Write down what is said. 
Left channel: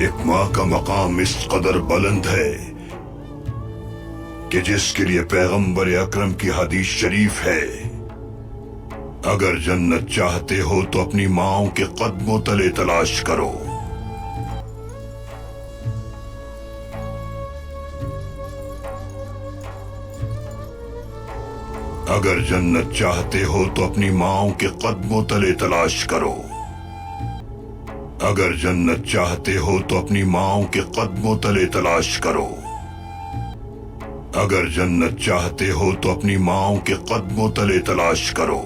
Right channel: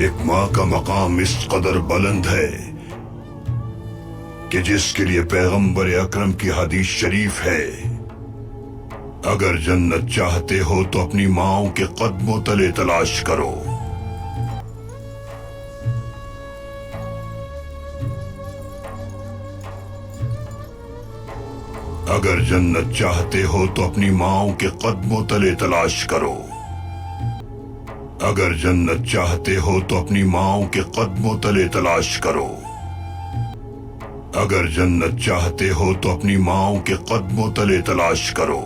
ایک ماں کا مقام اس قدر بلند ہے کہ جس کے لیے پیغمبر اکرم کی حدیث شریف ہے، اگر جنت چاہتے ہو تو اپنی ماؤں کے قدموں تلے تلاش کرو۔ اگر جنت چاہتے ہو تو اپنی ماؤں کے قدموں تلے تلاش کرو۔ اگر جنت چاہتے ہو تو اپنی ماؤں کے قدموں تلے تلاش کرو۔ اگر جنت چاہتے ہو تو اپنی ماؤں کے قدموں تلے تلاش کرو۔